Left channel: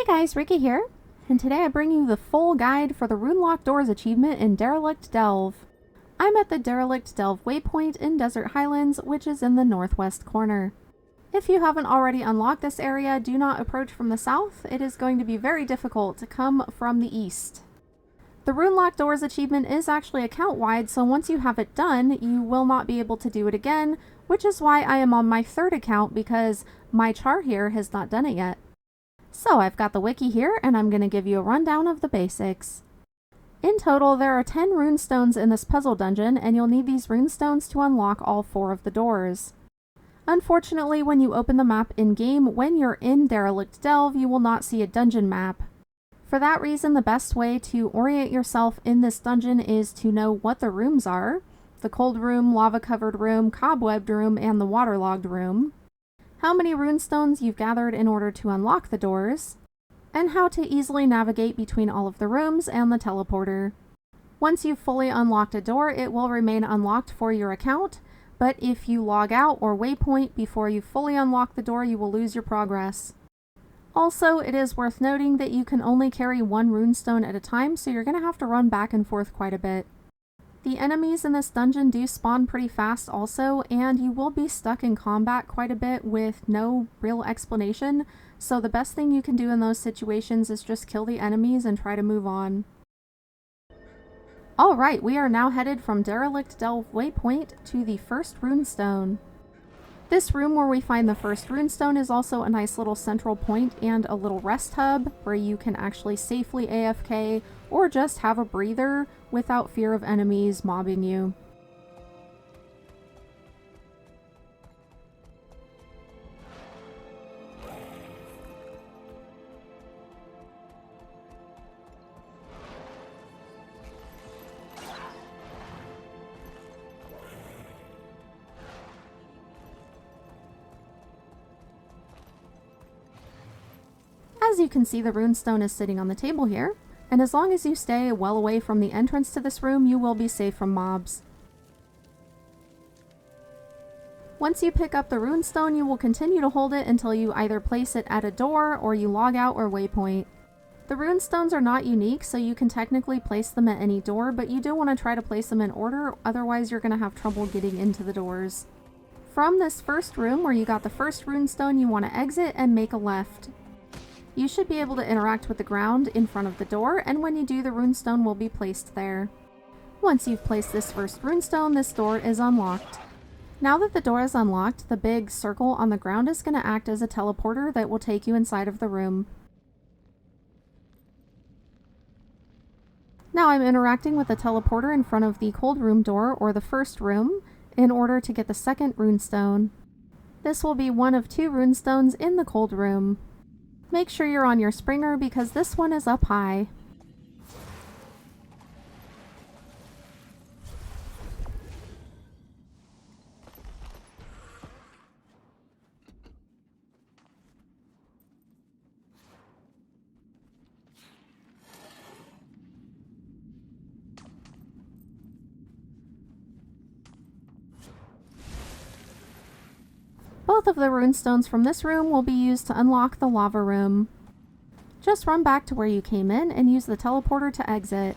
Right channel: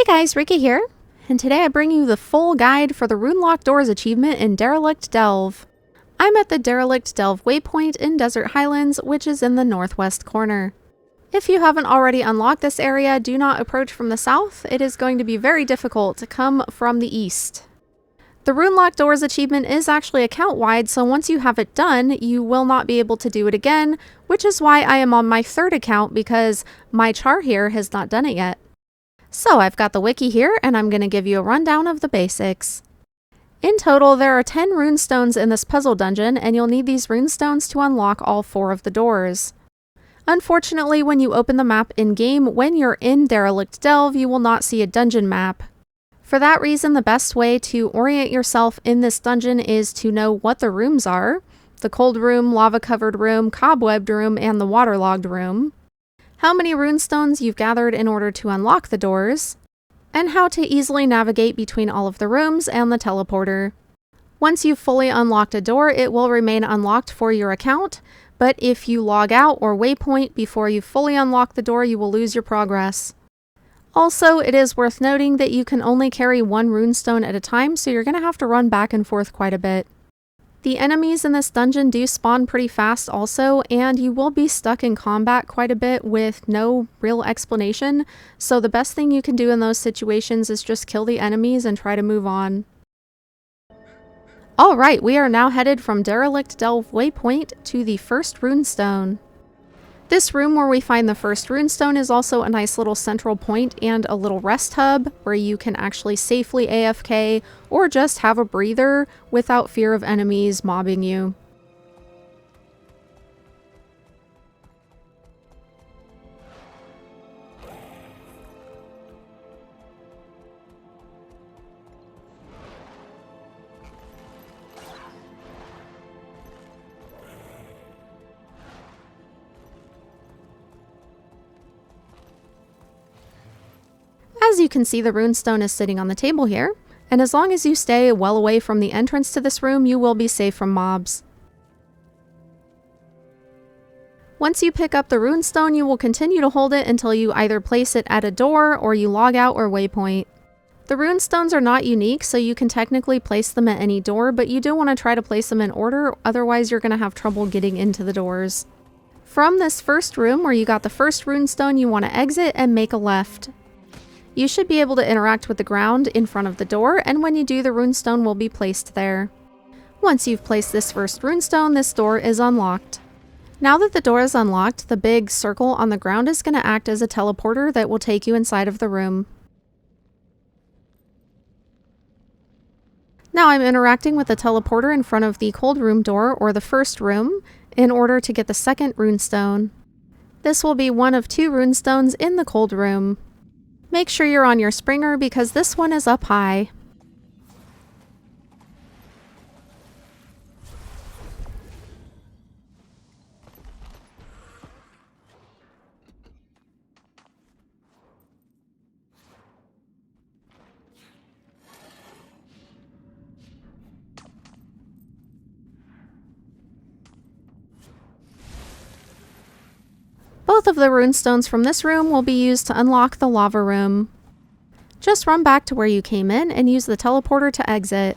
Hey guys, Ricky here, and today I bring you the full guide for the Rune-Locked Doors achievement in Derelict Delve. I'm at the Derelict Delve Waypoint in Desert Highlands, which is in the northwest corner. If you haven't already unlocked this area, do not approach from the south. It is going to be very difficult to come from the east. The Rune-Locked Doors achievement is actually account-wide, so once you have it done, you will not be able to do it again, which is why I am on my third account because my char here has not done it yet. So I've got the wiki here, and I'm going to give you a rundown of the basics. In total, there are 10 runestones in this puzzle dungeon, and you'll need these runestones to unlock all 4 of the doors. Unfortunately, when you open the map in-game, when you're in Derelict Delve, you will not see a dungeon map. For that reason, the best way to orient yourself in this dungeon is to know what the rooms are: the cold room, lava-covered room, cobwebbed room, and the waterlogged room, how many runestones you've gathered in order to unlock the doors, and how to easily navigate between all of the rooms and the teleporter. Once you've fully unlocked a door, it will remain unlocked for your account, but if you log out or waypoint before you fully unlock the door, you will lose your progress. Also, it is worth noting that you can only carry 1 runestone at a time, so you're going to have to run back and forth quite a bit. The enemies in this dungeon do spawn pretty fast also, and you will be stuck in combat quite a bit with no real explanation, so the best thing you can do in those situations is just kill the enemies and try to move on. Alright, we are now headed from Derelict Delve Waypoint to the first runestone. This room where we find the first runestone is also a nice little central point and a little rest hub where you can actually safely AFK or just have a breather without fear of enemies mobbing you. As you can see, the runestone is sitting on the table here, and as long as you stay well away from the entrance to this room, you will be safe from mobs. Once you pick up the runestone, you will continue to hold it until you either place it at a door or you log out or waypoint. The runestones are not unique, so you can technically place them at any door, but you do want to try to place them in order, otherwise you're going to have trouble getting into the doors. From this first room where you got the first runestone, you want to exit and make a left. You should be able to interact with the ground in front of the door, and when you do, the runestone will be placed there. Once you've placed this first runestone, this door is unlocked. Now that the door is unlocked, the big circle on the ground is going to act as a teleporter that will take you inside of the room. Now I'm interacting with the teleporter in front of the cold room door, or the first room, in order to get the second runestone. This will be one of 2 runestones in the cold room. Make sure you're on your springer because this one is up high. Both of the runestones from this room will be used to unlock the lava room. Just run back to where you came in and use the teleporter to exit.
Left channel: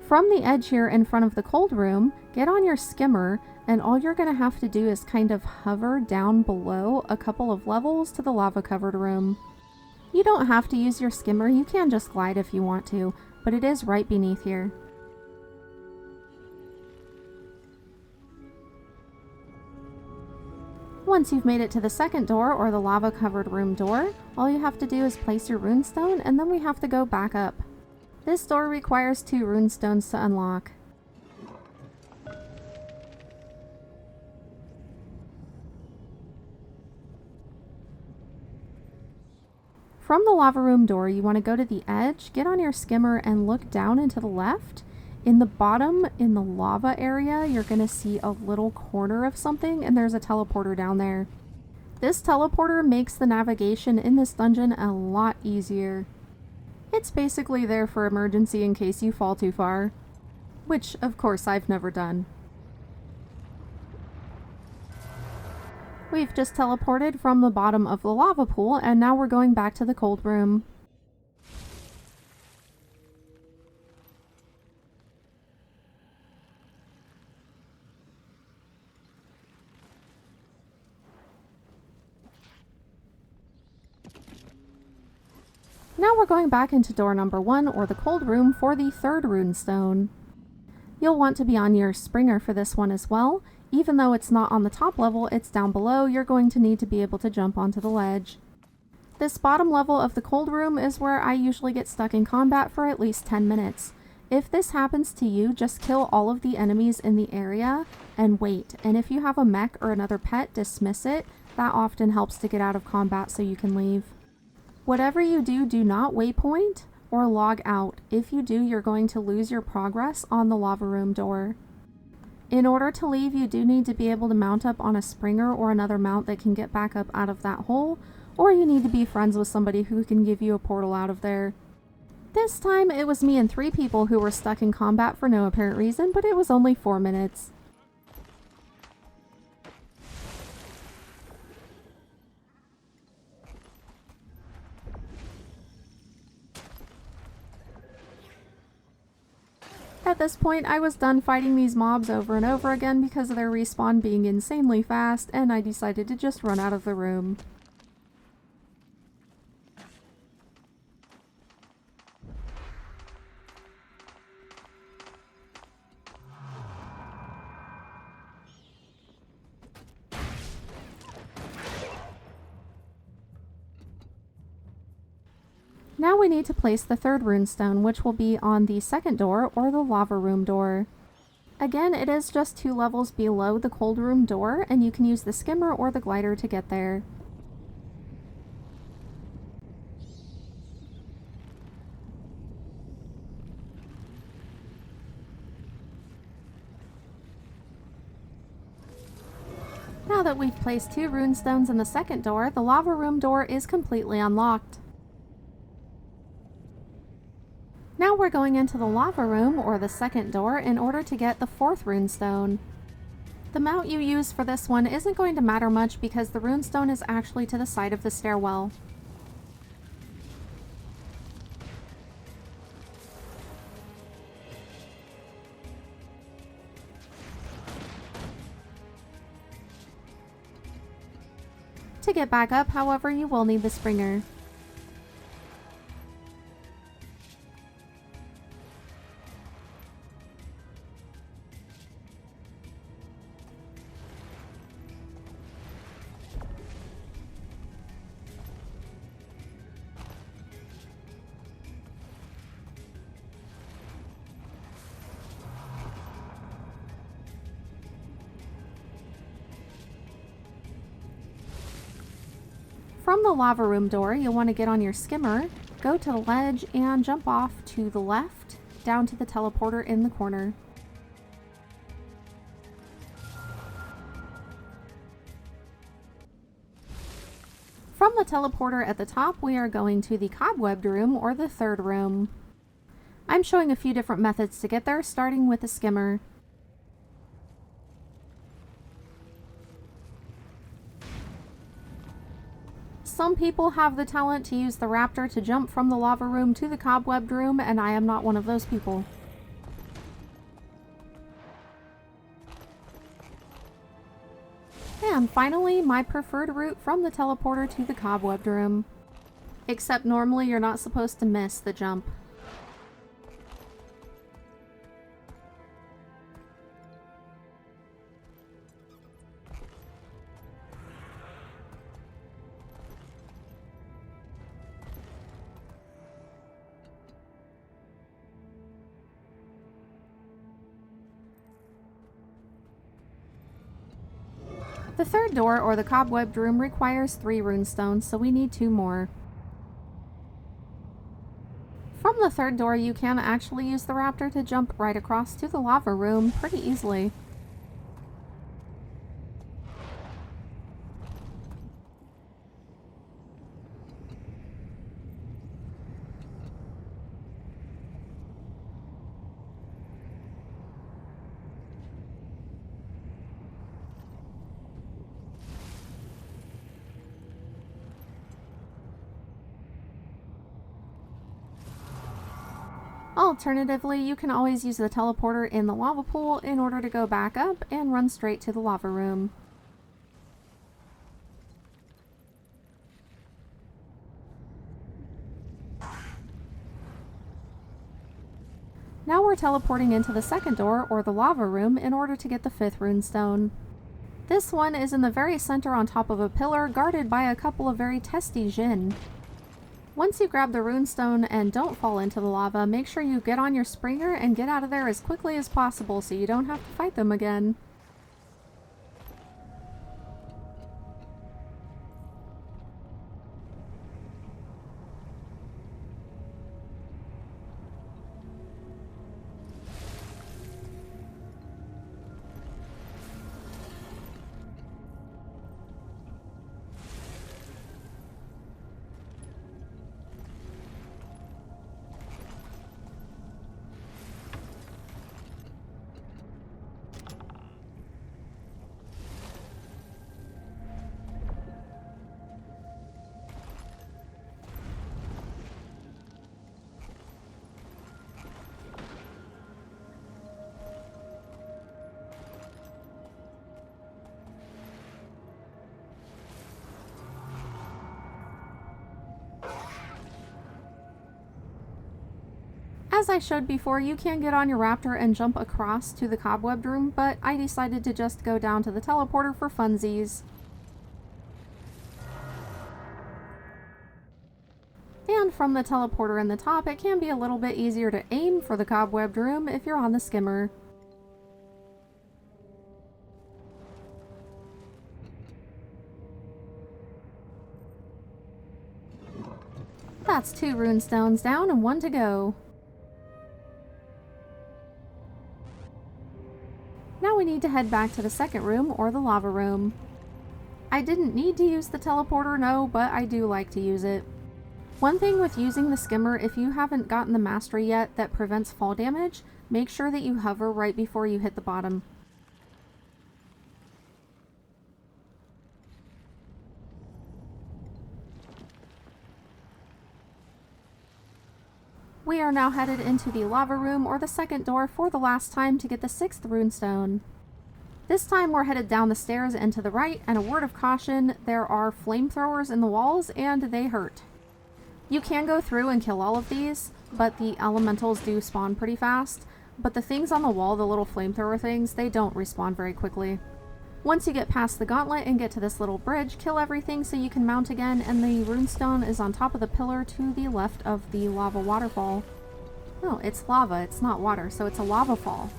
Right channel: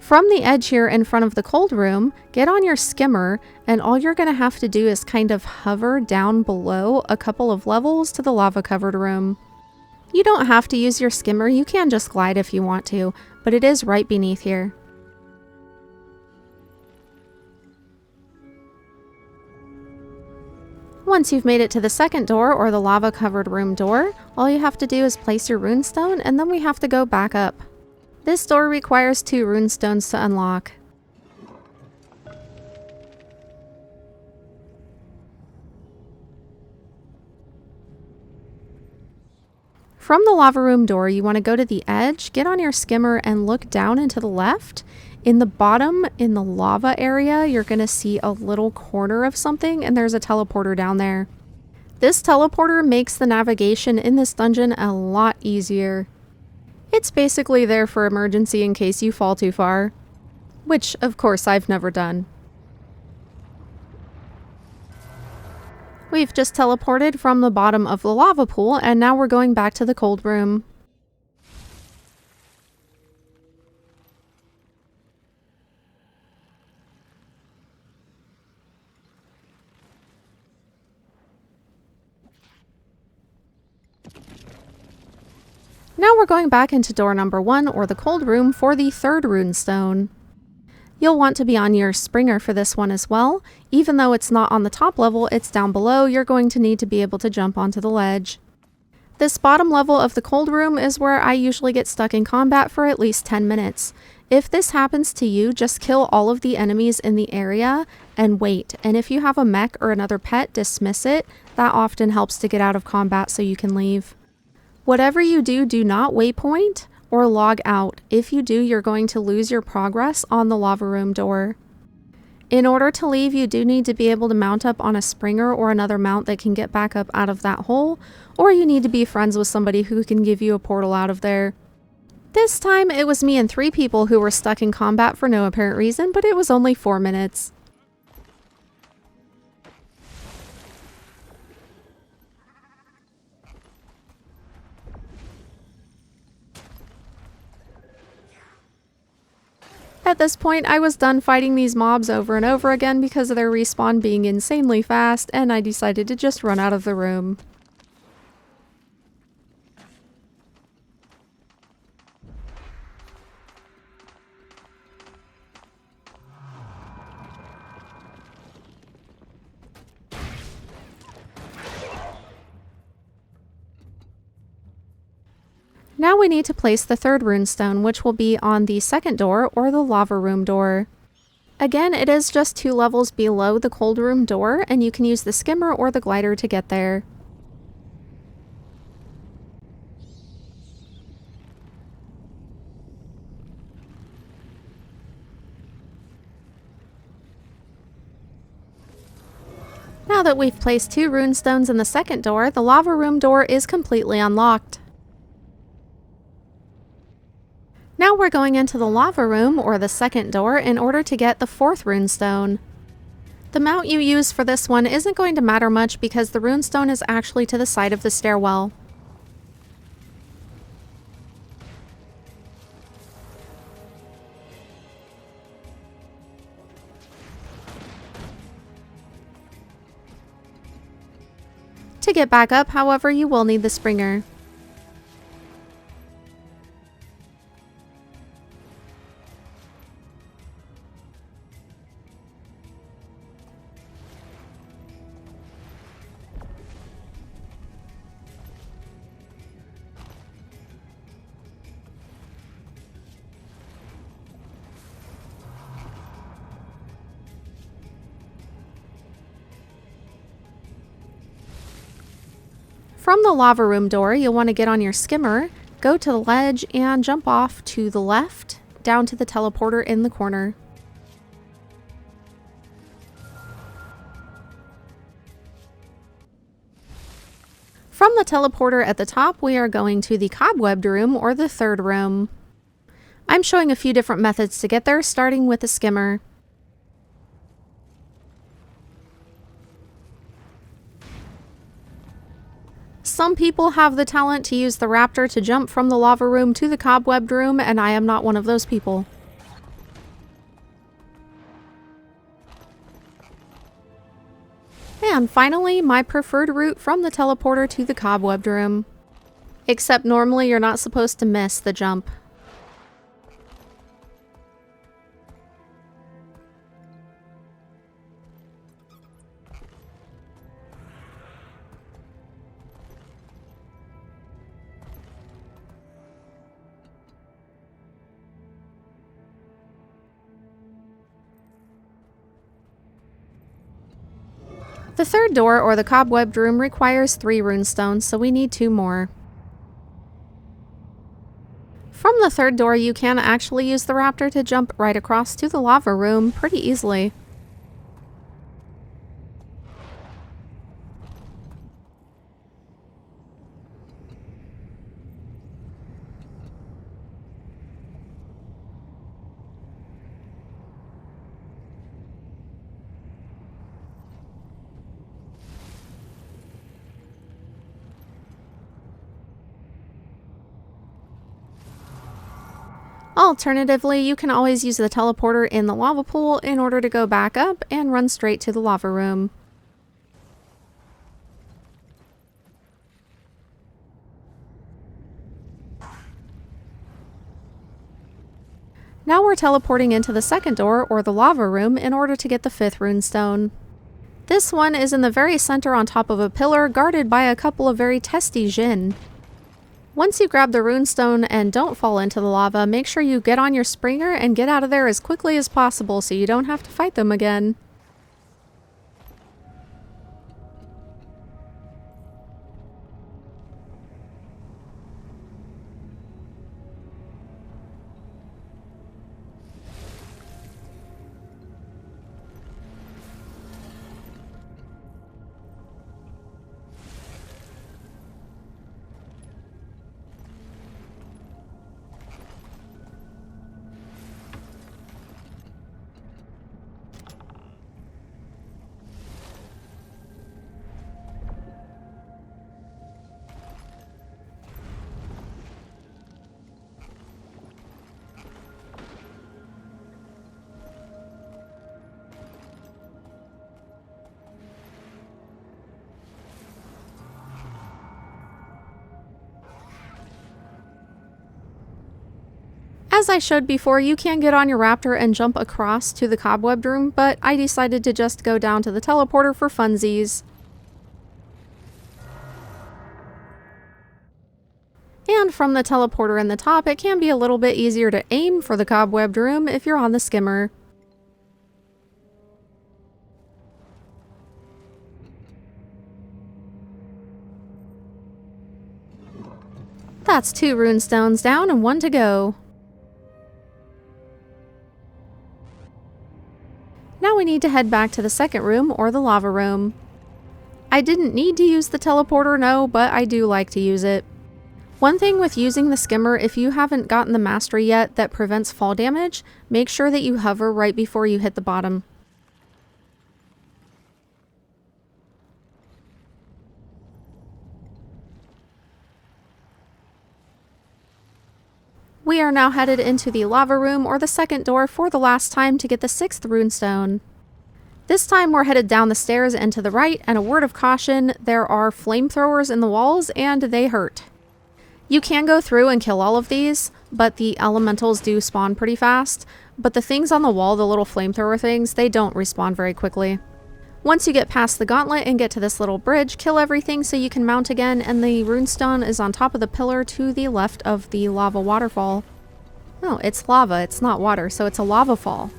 From the edge here in front of the cold room, get on your skimmer, and all you're going to have to do is kind of hover down below a couple of levels to the lava-covered room. You don't have to use your skimmer, you can just glide if you want to, but it is right beneath here. Once you've made it to the second door, or the lava-covered room door, all you have to do is place your runestone, and then we have to go back up. This door requires 2 runestones to unlock. From the lava room door, you want to go to the edge, get on your skimmer, and look down and to the left. In the bottom, in the lava area, you're going to see a little corner of something, and there's a teleporter down there. This teleporter makes the navigation in this dungeon a lot easier. It's basically there for emergency in case you fall too far. Which, of course, I've never done. We've just teleported from the bottom of the lava pool, and now we're going back to the cold room. Now we're going back into door number 1, or the cold room, for the third runestone. You'll want to be on your springer for this one as well. Even though it's not on the top level, it's down below, you're going to need to be able to jump onto the ledge. This bottom level of the cold room is where I usually get stuck in combat for at least 10 minutes. If this happens to you, just kill all of the enemies in the area and wait. And if you have a mech or another pet, dismiss it. That often helps to get out of combat so you can leave. Whatever you do, do not waypoint or log out. If you do, you're going to lose your progress on the lava room door. In order to leave, you do need to be able to mount up on a springer or another mount that can get back up out of that hole, or you need to be friends with somebody who can give you a portal out of there. This time, it was me and 3 people who were stuck in combat for no apparent reason, but it was only 4 minutes. At this point, I was done fighting these mobs over and over again because of their respawn being insanely fast, and I decided to just run out of the room. Now we need to place the third runestone, which will be on the second door, or the lava room door. Again, it is just 2 levels below the cold room door, and you can use the skimmer or the glider to get there. Now that we've placed 2 runestones in the second door, the lava room door is completely unlocked. Now we're going into the lava room, or the second door, in order to get the 4th runestone. The mount you use for this one isn't going to matter much because the runestone is actually to the side of the stairwell. To get back up, however, you will need the springer. From the lava room door, you'll want to get on your skimmer, go to the ledge, and jump off to the left, down to the teleporter in the corner. From the teleporter at the top, we are going to the Cobwebbed Room, or the third room. I'm showing a few different methods to get there, starting with the skimmer. Some people have the talent to use the Raptor to jump from the lava room to the Cobwebbed Room, and I am not one of those people. And finally, my preferred route from the teleporter to the Cobwebbed Room. Except normally you're not supposed to miss the jump. The third door, or the Cobwebbed Room, requires 3 runestones, so we need 2 more. From the third door, you can actually use the Raptor to jump right across to the lava room pretty easily. Alternatively, you can always use the teleporter in the lava pool in order to go back up and run straight to the lava room. Now we're teleporting into the second door, or the lava room, in order to get the 5th runestone. This one is in the very center on top of a pillar, guarded by a couple of very testy Djinn. Once you grab the runestone and don't fall into the lava, make sure you get on your springer and get out of there as quickly as possible so you don't have to fight them again. As I showed before, you can get on your Raptor and jump across to the Cobwebbed Room, but I decided to just go down to the teleporter for funsies. And from the teleporter in the top, it can be a little bit easier to aim for the Cobwebbed Room if you're on the Skimmer. That's 2 runestones down and 1 to go. Now we need to head back to the second room, or the lava room. I didn't need to use the teleporter, no, but I do like to use it. One thing with using the Skimmer, if you haven't gotten the mastery yet that prevents fall damage, make sure that you hover right before you hit the bottom. We are now headed into the lava room, or the second door, for the last time to get the 6th runestone. This time we're headed down the stairs and to the right, and a word of caution, there are flamethrowers in the walls and they hurt. You can go through and kill all of these, but the elementals do spawn pretty fast, but the things on the wall, the little flamethrower things, they don't respawn very quickly. Once you get past the gauntlet and get to this little bridge, kill everything so you can mount again, and the runestone is on top of the pillar to the left of the lava waterfall. Oh, it's lava, it's not water, so it's a lava fall.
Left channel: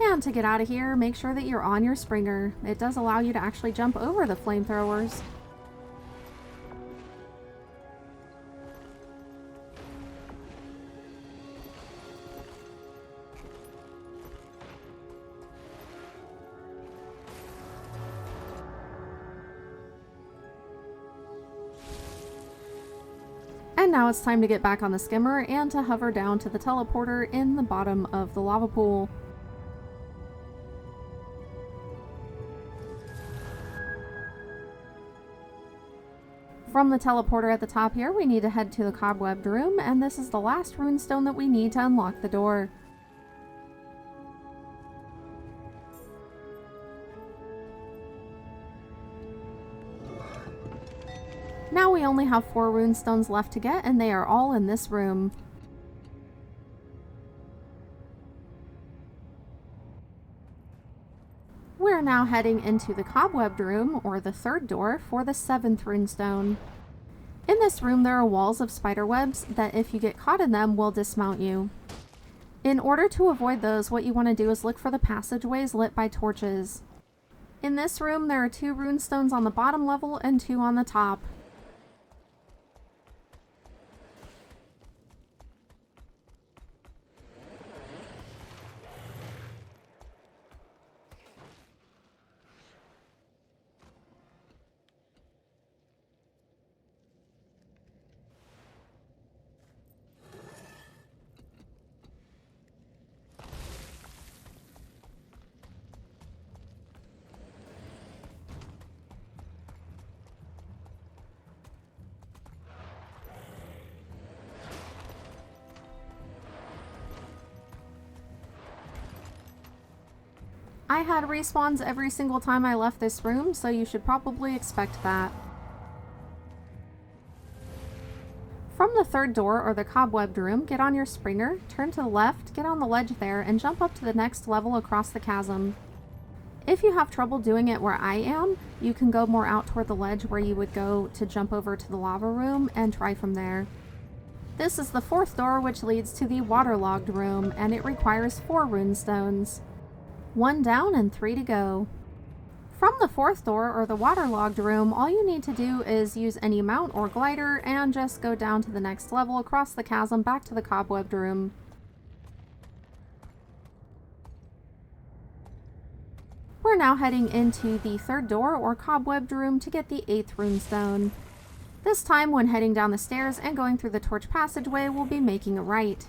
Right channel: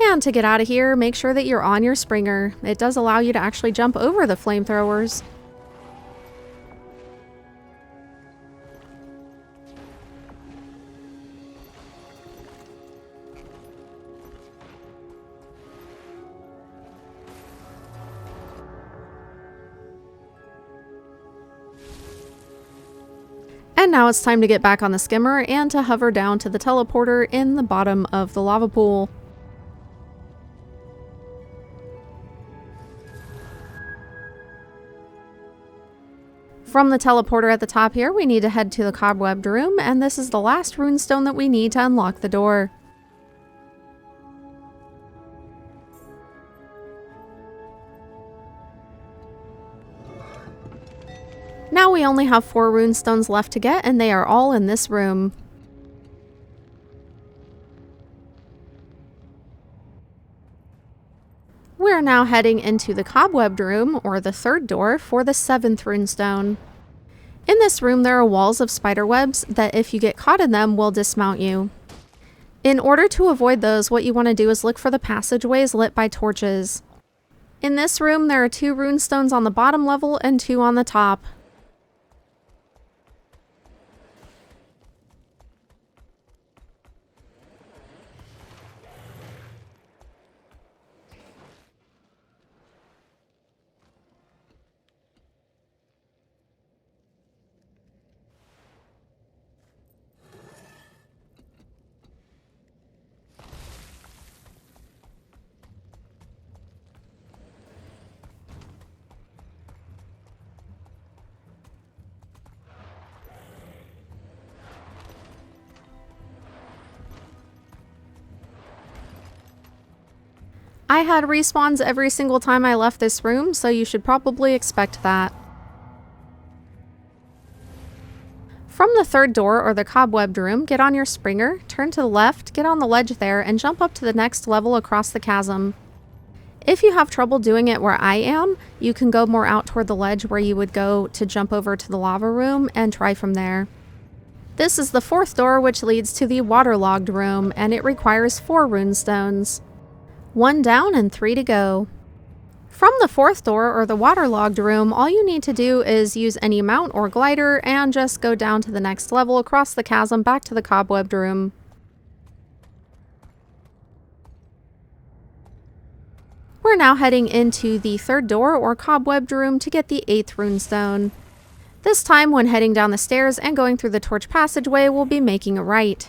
And to get out of here, make sure that you're on your springer. It does allow you to actually jump over the flamethrowers. And now it's time to get back on the Skimmer and to hover down to the teleporter in the bottom of the lava pool. From the teleporter at the top here, we need to head to the Cobwebbed Room, and this is the last runestone that we need to unlock the door. Now we only have 4 runestones left to get, and they are all in this room. We're now heading into the Cobwebbed Room, or the third door, for the 7th runestone. In this room there are walls of spider webs that, if you get caught in them, will dismount you. In order to avoid those, what you want to do is look for the passageways lit by torches. In this room there are 2 runestones on the bottom level and 2 on the top. I had respawns every single time I left this room, so you should probably expect that. From the third door, or the Cobwebbed Room, get on your Springer, turn to the left, get on the ledge there, and jump up to the next level across the chasm. If you have trouble doing it where I am, you can go more out toward the ledge where you would go to jump over to the lava room and try from there. This is the fourth door, which leads to the Waterlogged Room, and it requires 4 Runestones. 1 down and 3 to go. From the fourth door, or the Waterlogged Room, all you need to do is use any mount or glider and just go down to the next level across the chasm back to the Cobwebbed Room. We're now heading into the third door, or Cobwebbed Room, to get the 8th Runestone. This time, when heading down the stairs and going through the torch passageway, we'll be making a right.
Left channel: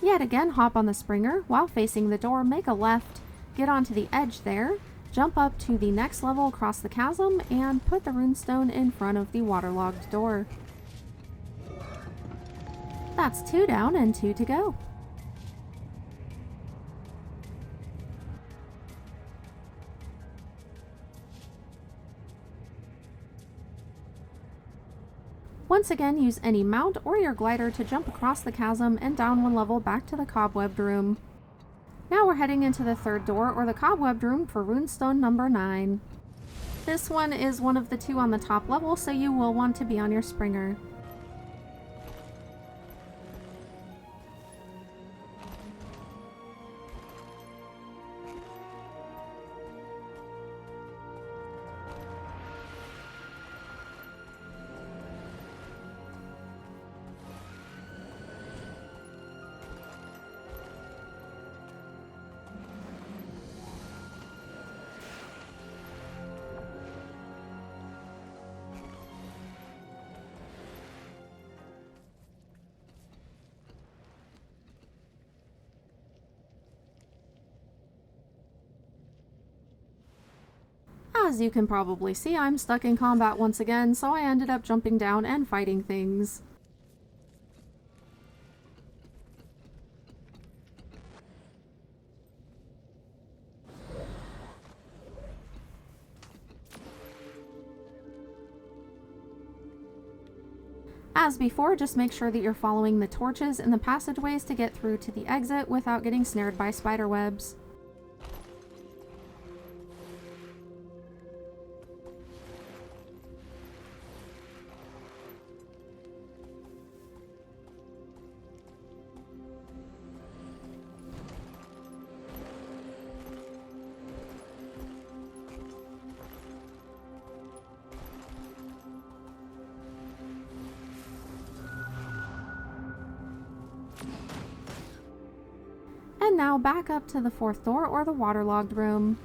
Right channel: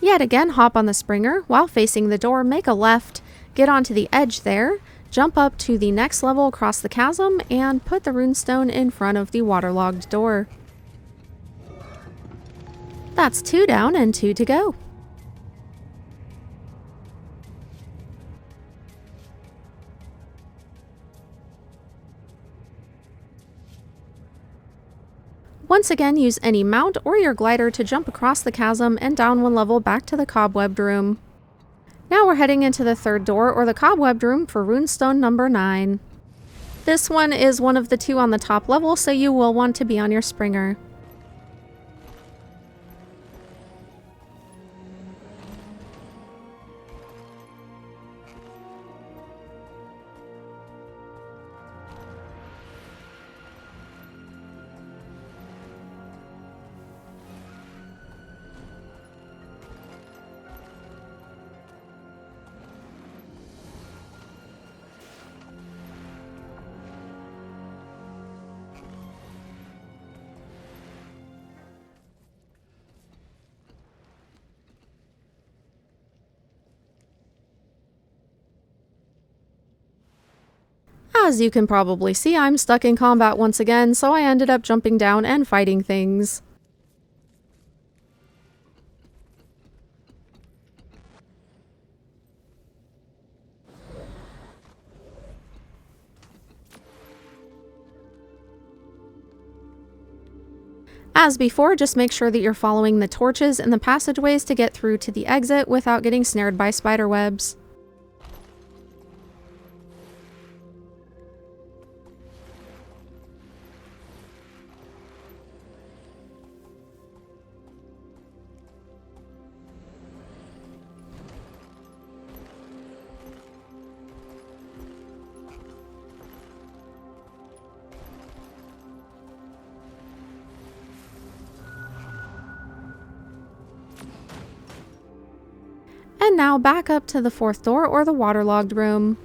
Yet again, hop on the Springer. While facing the door, make a left, get onto the edge there, jump up to the next level across the chasm, and put the Runestone in front of the Waterlogged door. That's 2 down and 2 to go. Once again, use any mount or your glider to jump across the chasm and down 1 level back to the Cobwebbed Room. Now we're heading into the third door, or the Cobwebbed Room, for Runestone number 9. This one is one of the 2 on the top level, so you will want to be on your Springer. As you can probably see, I'm stuck in combat once again, so I ended up jumping down and fighting things. As before, just make sure that you're following the torches and the passageways to get through to the exit without getting snared by spiderwebs. And now back up to the fourth door, or the Waterlogged Room.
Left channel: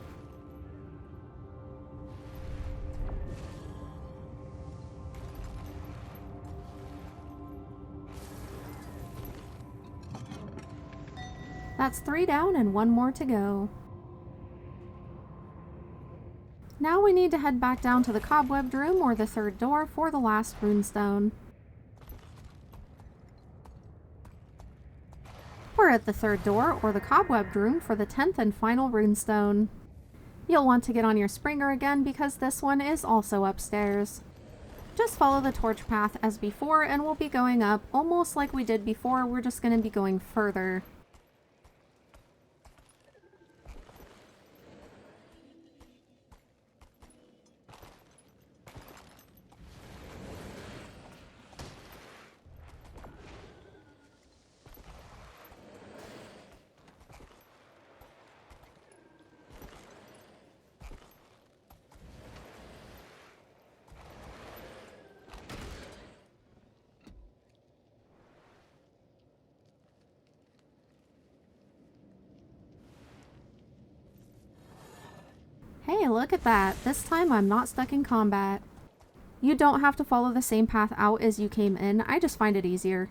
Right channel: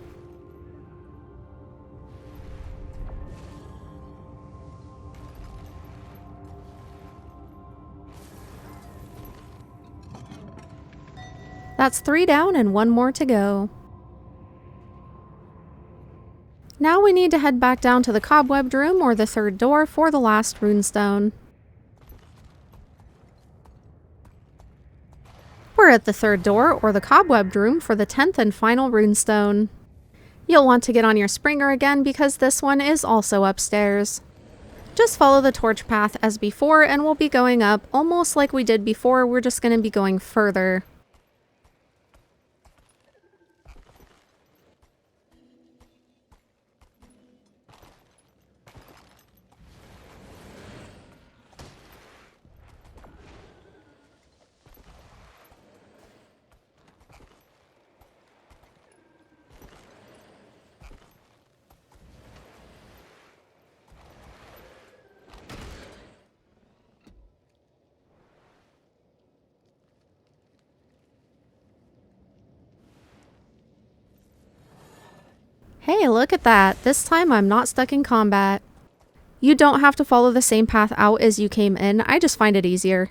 That's 3 down and 1 more to go. Now we need to head back down to the Cobwebbed Room, or the third door, for the last Runestone. We're at the third door, or the Cobwebbed Room, for the 10th and final Runestone. You'll want to get on your Springer again because this one is also upstairs. Just follow the torch path as before and we'll be going up almost like we did before. We're just going to be going further. Hey, look at that. This time I'm not stuck in combat. You don't have to follow the same path out as you came in. I just find it easier.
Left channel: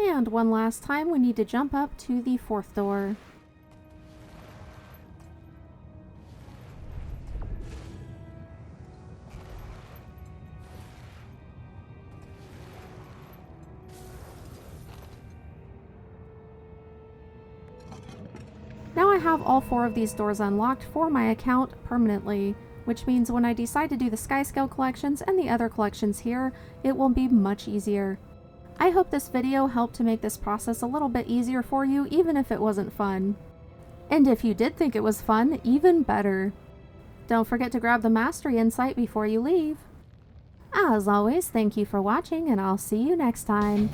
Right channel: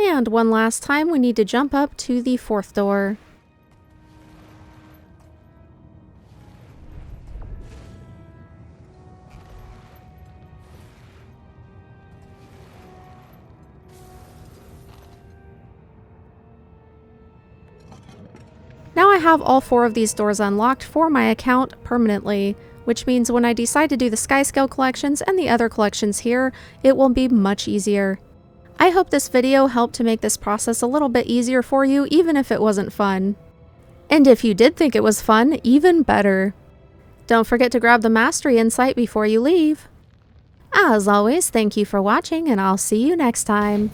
And one last time, we need to jump up to the 4th door. Now I have all 4 of these doors unlocked for my account permanently, which means when I decide to do the Skyscale collections and the other collections here, it will be much easier. I hope this video helped to make this process a little bit easier for you, even if it wasn't fun. And if you did think it was fun, even better. Don't forget to grab the mastery insight before you leave. As always, thank you for watching, and I'll see you next time.